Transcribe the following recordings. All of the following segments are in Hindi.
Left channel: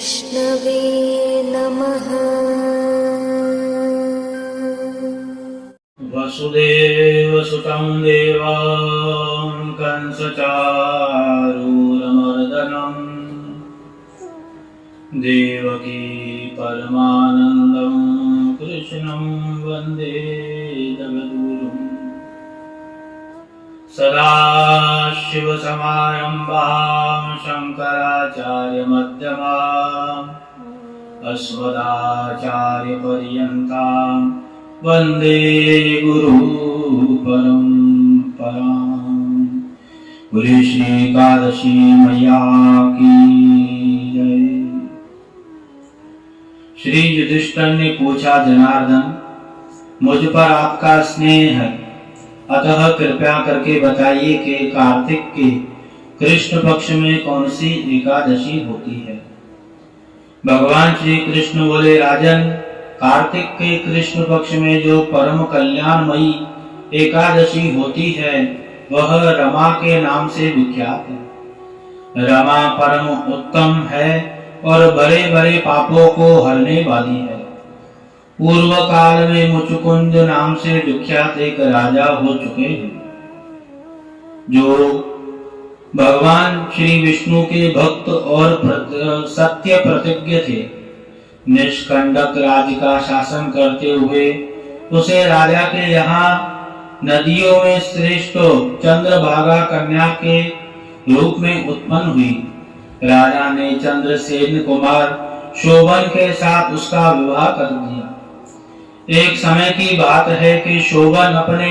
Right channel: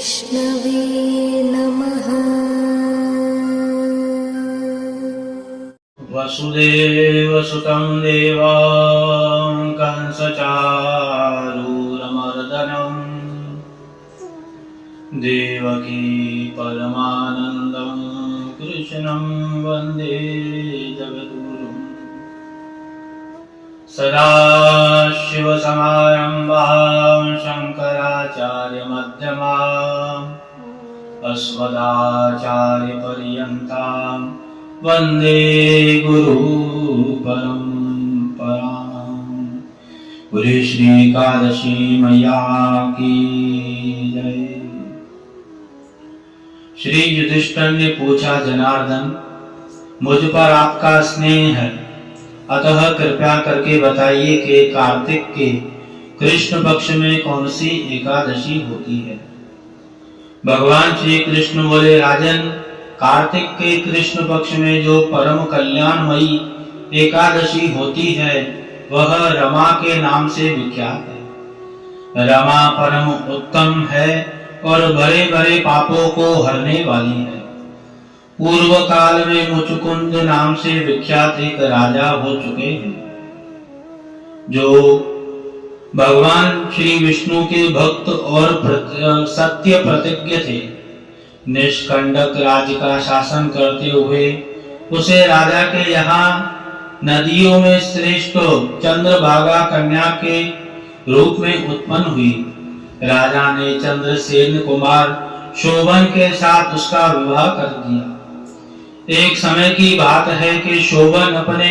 विष्णवे नमः। वसुदेवसुतं देवं कंसचारूरमर्दनं देवकी परमानन्दं कृष्णं वन्दे जगद्गुरुं। सदाशिवसमारम्भां शङ्कराचार्यमध्यमाम् अस्मदाचार्यपर्यन्तां वन्दे गुरुपरम्पराम्। बोले श्री एकादशी मैया की जय। श्री युधिष्ठिर ने पूछा, जनार्दन, मुझ पर आपका स्नेह है, अतः कृपया करके बताइए कि कार्तिक के कृष्ण पक्ष में कौन सी एकादशी होती है। भगवान श्री कृष्ण बोले, राजन, कार्तिक के कृष्ण पक्ष में जो परम कल्याणमयी एकादशी होती है वह रमा के नाम से विख्यात है। रमा परम उत्तम है और बड़े बड़े पापों को हरने वाली है। पूर्व काल में मुचुकुंद नाम से विख्यात एक राजा हो चुके हैं, जो भगवान श्री विष्णु के भक्त और सत्य प्रतिज्ञ थे। निष्कंटक राज्य का शासन करते हुए उसे राजा के यहाँ नदियों में श्रेष्ठ चंद्रभागा कन्या के रूप में उत्पन्न हुई। राजा ने चंद्रसेन कुमार शोभन के साथ उसका विवाह कर दिया। एक समय की बात है कि शोभन अपने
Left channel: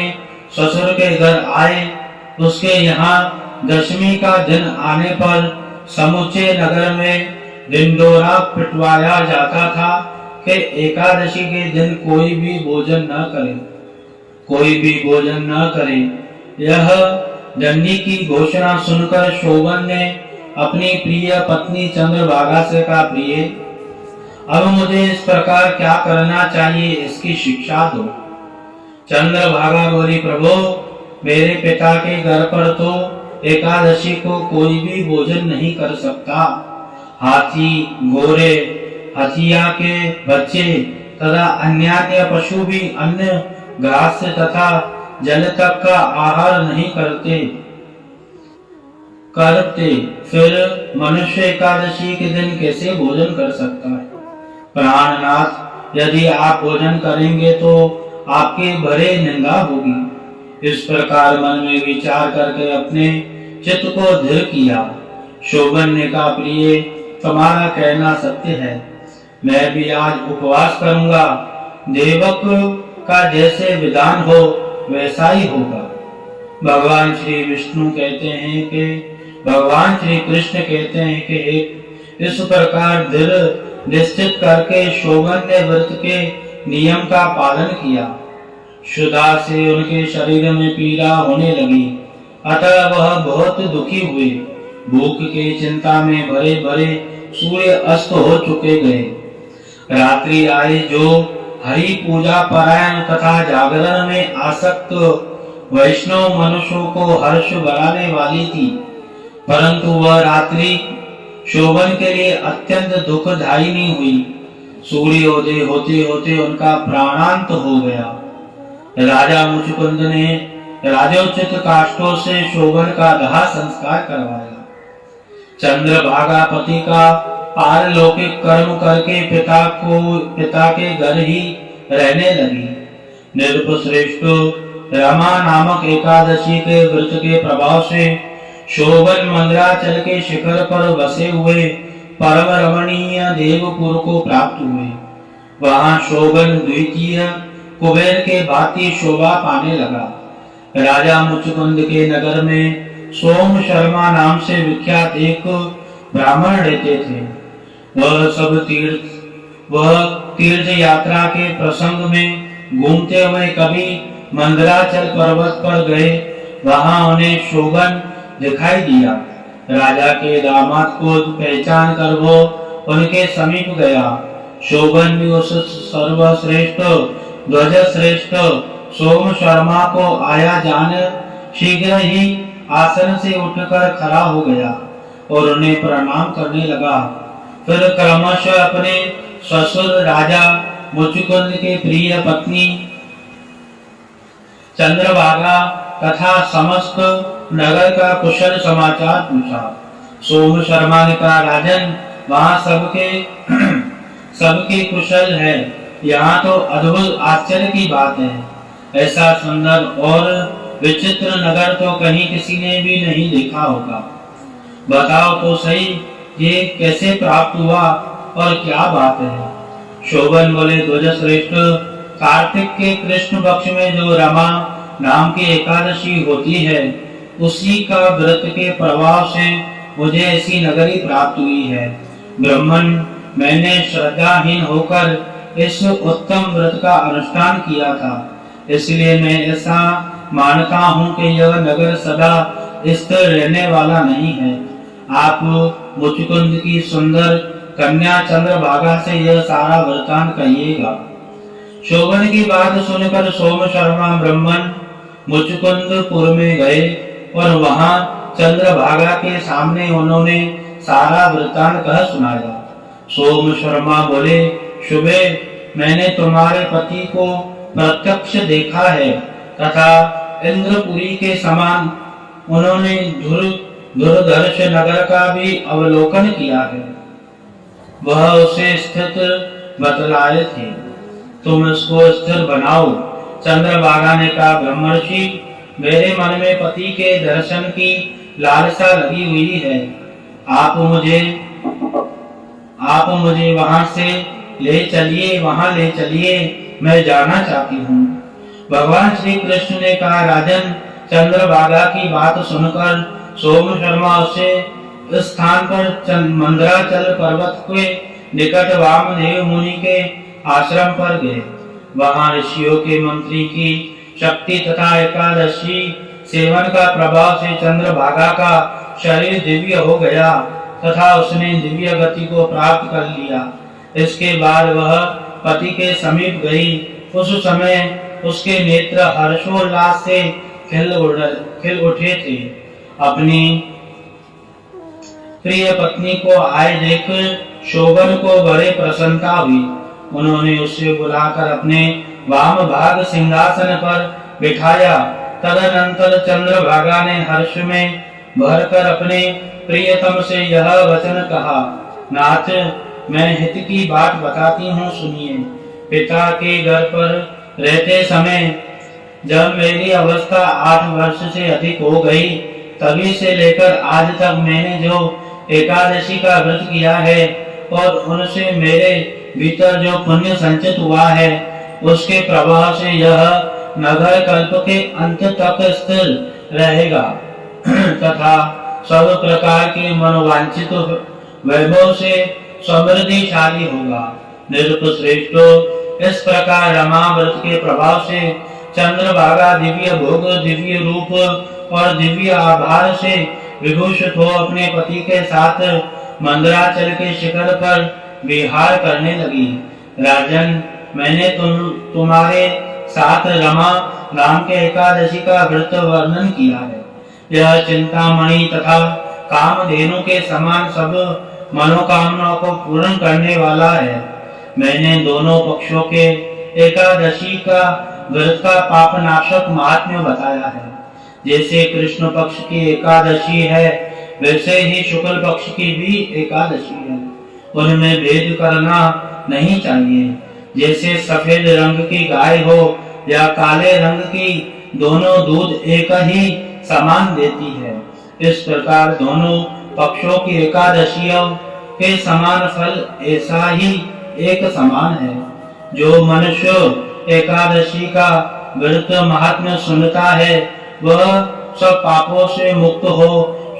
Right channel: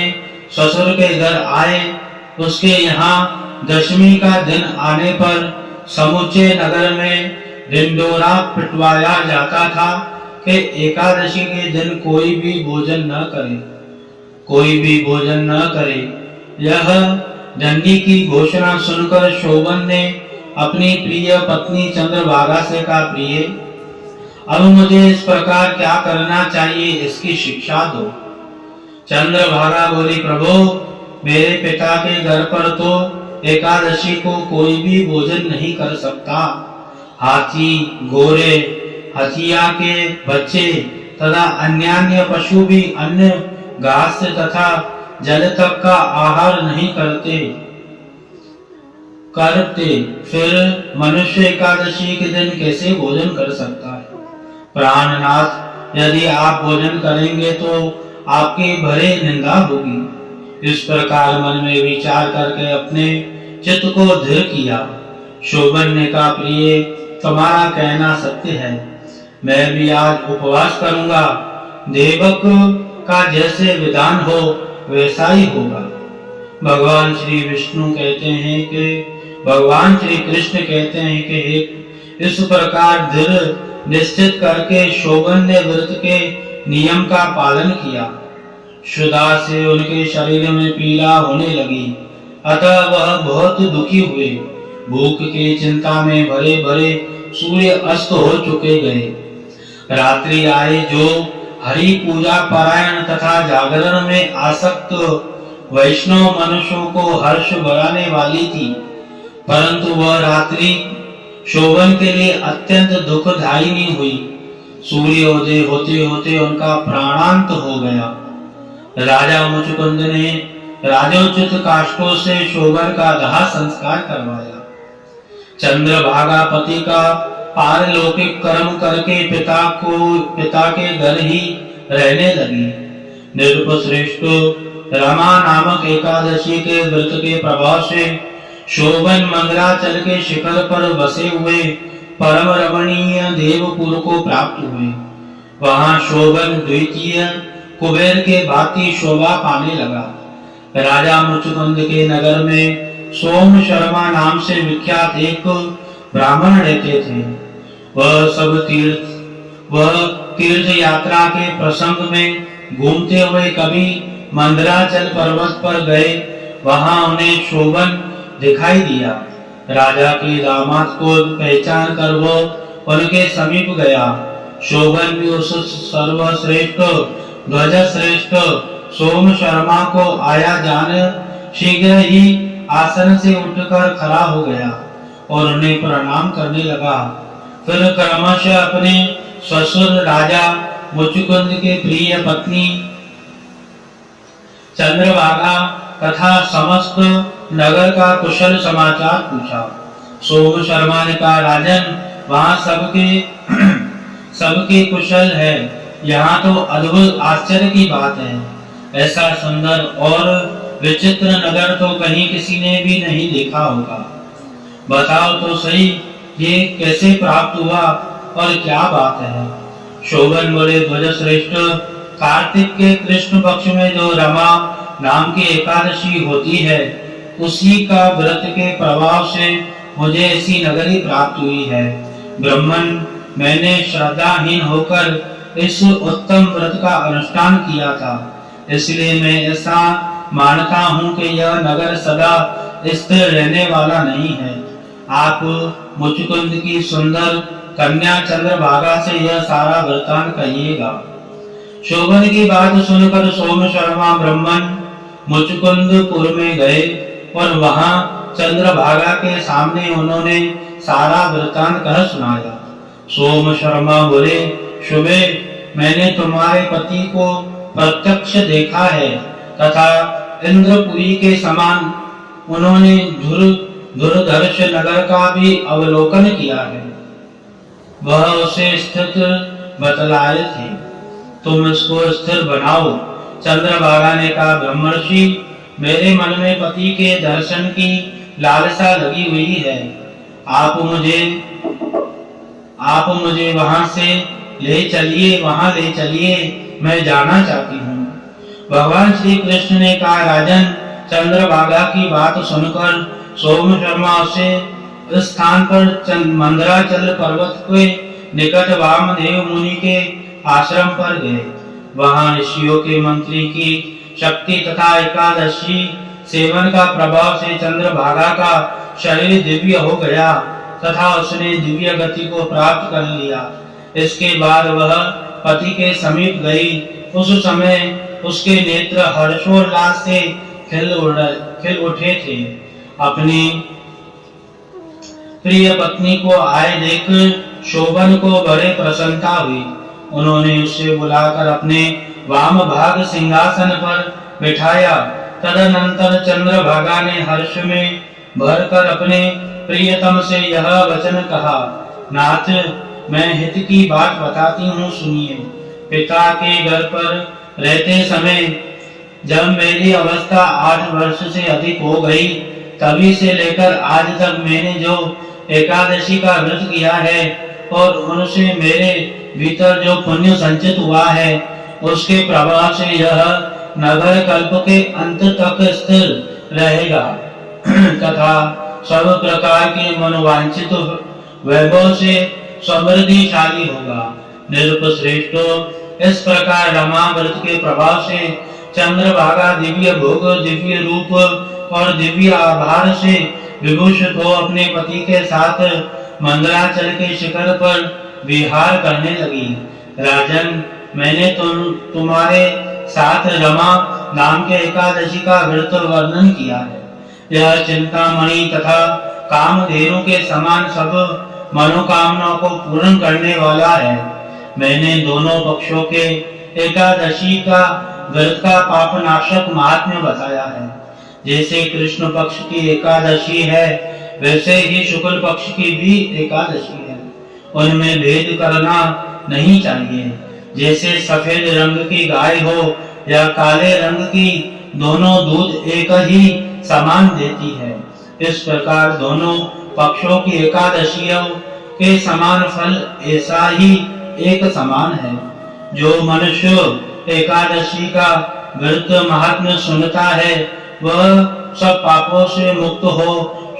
ससुर के घर आए। उसके यहाँ दशमी का दिन आने पर समूचे नगर में ढिंढोरा पिटवाया जाता था कि एकादशी के दिन कोई भी भोजन न करे। यह दंडी की घोषणा सुनकर शोभन ने अपनी प्रिय पत्नी चंद्रभागा से कहा, प्रिय, अब मुझे इस प्रकार क्या करना चाहिए, इसकी शिक्षा दो। चंद्रभागा बोली, प्रभु, मेरे पिता के घर पर तो एकादशी को कोई भी भोजन नहीं कर सकता। हाथी, घोड़े, हथिया के बच्चे तथा अन्य पशु भी अन्य घास तथा जल तक का आहार नहीं करते। फिर मनुष्य एकादशी के दिन कैसे भोजन कर सकता है? प्राणनाथ, यदि आप भोजन करेंगे तो आपकी भरे निंदा होगी। इस प्रकार मन में विचार करके अपने चित्त को दृढ़ किया। शोभन ने कहा, प्रिय, तुम्हारा कहना सत्य है, मैं भी आज उपवास करूंगा। देवक का जैसे विधान हो वैसा ही होगा। भगवान श्री कृष्ण कहते हैं कि इस प्रकार दृढ़ निश्चित करके शोभन ने व्रत के नियम का पालन किया। क्षुधा से उनके शरीर में पीड़ा होने लगी, अतः वह बहुत दुखी हुए। भूख की चिंता में भरे भरे सूर्य अस्त हो चुके गए। रात्रि आई जो हरि पूजा परायण तथा जागरण में आसक्त वैष्णव मनुष्यों को हर्ष बढ़ाने वाली थी, परंतु वह रात्रि शोभन के लिए अत्यंत दुखदायिनी हुई। सूर्योदय होते होते उनका प्राणांत हो गया। राजा मुचुकुंद ने राजोचित काष्ठों से शोभन का दाह संस्कार करवाया। चंद्रभागा पति का पारलौकिक कर्म करके पिता के घर ही रहने लगी। नृपश्रेष्ठ रमा नामक एकादशी के व्रत के प्रभाव से शोभन मंदराचल के शिखर पर बसे हुए परम रमणीय देवपुर को प्राप्त हुए। वहां शोभन द्वितीय कुबेर के भांति शोभा पाने लगा। राजा मुचुकुंद के नगर में सोम शर्मा नाम से विख्यात एक ब्राह्मण रहते थे। वह तीर्थ यात्रा के प्रसंग में घूमते हुए कभी मंदराचल पर्वत पर गए। वहां उन्हें शोभन दिखाई दिया। राजा के दामाद को पहचान कर वो उनके समीप गया। शोभन भी उस सर्वश्रेष्ठ ध्वज श्रेष्ठ सोम शर्मा को आया जान शीघ्र ही आसन से उठकर खड़ा हो गया और उन्हें प्रणाम करने लगा। फिर क्रमशः अपने ससुर राजा मुचुकुंद के प्रिय पत्नी चंद्रभागा तथा समस्त नगर का कुशल समाचार पूछा। सोम शर्मा ने कहा, राजन, वहाँ सबके कुशल है। यहाँ तो अद्भुत आश्चर्य की बात है। ऐसा सुंदर और विचित्र नगर तो कहीं किसी ने भी नहीं देखा होगा। बताओ तो सही, ये कैसे प्राप्त हुआ और क्या बात है? शोभन बोले, ध्वज श्रेष्ठ, कार्तिक के कृष्ण पक्ष में जो रमा नाम की एकादशी होती है, उसी का व्रत के प्रभाव से मुझे ऐसी नगरी प्राप्त हुई है। ब्राह्मण, मैंने श्रद्धाहीन होकर इस उत्तम व्रत का अनुष्ठान किया था, इसलिए मैं ऐसा मानता हूँ कि यह नगर सदा स्थिर रहने वाला नहीं है। आप मुचुकुंद की सुंदर कन्या चंद्रभागा से यह सारा वृत्तांत कहिएगा। शोभन की बात सुनकर सोम शर्मा ब्राह्मण मुचुकुंदपुर में गए और वहां चंद्रभागा के सामने उन्होंने सारा वृत्तांत कह सुनाया। सोम शर्मा बोले, शुभे, मैंने तुम्हारे पति को प्रत्यक्ष देखा है तथा इंद्रपुरी के समान उन्होंने धुरधर्ष नगर का भी अवलोकन किया है। वह उसे स्थित बतलाए थे, तुम इसको स्थिर बनाओ। चंद्रभागा ने कहा, ब्रह्मर्षि, मेरे मन में पति के दर्शन की लालसा लगी हुई है। आप मुझे वहां से ले चलिए, मैं जाना चाहती हूँ। भगवान श्री कृष्ण ने कहा, राजन, चंद्रभागा की बात सुनकर सोम शर्मा उसे इस स्थान पर मंदराचल पर्वत के निकट वामदेव मुनि के आश्रम पर गए। वहां ऋषियों के मंत्री की शक्ति तथा एकादशी सेवन का प्रभाव से चंद्रभागा का शरीर दिव्य हो गया तथा उसने दिव्य गति को प्राप्त कर लिया। इसके बाद वह पति के समीप गई। उस समय उसके नेत्र हर्षोल्लास से खिल उठे थे। अपनी प्रिय पत्नी को आए देख शोभन को बड़े प्रसन्नता हुई। उन्होंने उसे बुलाकर अपने वाम भाग सिंहासन पर बिठाया। तदनंतर चंद्रभागा ने हर्ष में भरकर अपने प्रियतम से यह वचन कहा, नाथ, मैं हित की बात बताती हूँ, सुनिए। पिता के घर पर रहते समय जब मेरी अवस्था 8 वर्ष से अधिक हो गई, तभी से लेकर आज तक मैंने जो एकादशी का व्रत किया है और उनसे मेरे भीतर जो पुण्य संचित हुआ है, उसके प्रभाव से यह नगर कल्प के अंत तक स्थिर रहेगा तथा सब प्रकार के मनोवांछित वैभव से समृद्धिशाली होगा। निरुप श्रेष्ठो, इस प्रकार रमा व्रत के प्रभाव से चंद्रभागा दिव्य भोग, दिव्य रूप और दिव्य आभार से विभूषित हो अपने पति के साथ मंदराचल के शिखर पर विहार करने लगी। राजन, मैंने तुम्हारे साथ रमा नाम के एकादशी का व्रत वर्णन किया है। यह चिंतामणि तथा कामधेनु के समान सब मनोकामनाओं को पूर्ण करने वाला है। मैंने दोनों पक्षों के एकादशी का व्रत का पापनाशक महात्म्य बताया है। जैसे कृष्ण पक्ष की एकादशी है, वैसे ही शुक्ल पक्ष की भी एकादशी है। उनमें भेद करना नहीं चाहिए। जैसे सफेद रंग की गाय हो या काले रंग की, दोनों दूध एक ही समान देती है। इस प्रकार दोनों पक्षों की एकादशियों के समान फल ऐसा ही एक समान है। जो मनुष्य एकादशी का व्रत महात्म्य सुनता है, वह सब पापों से मुक्त हो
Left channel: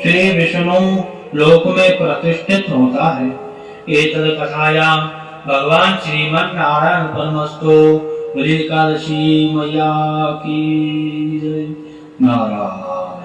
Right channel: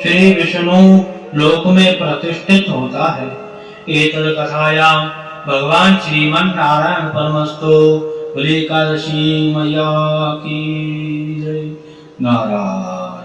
श्री विष्णु लोक में प्रतिष्ठित होता है। एतद कथायां भगवान श्रीमन नारायण परमस्तु। बोले एकादशी मैया की जय। नारायण।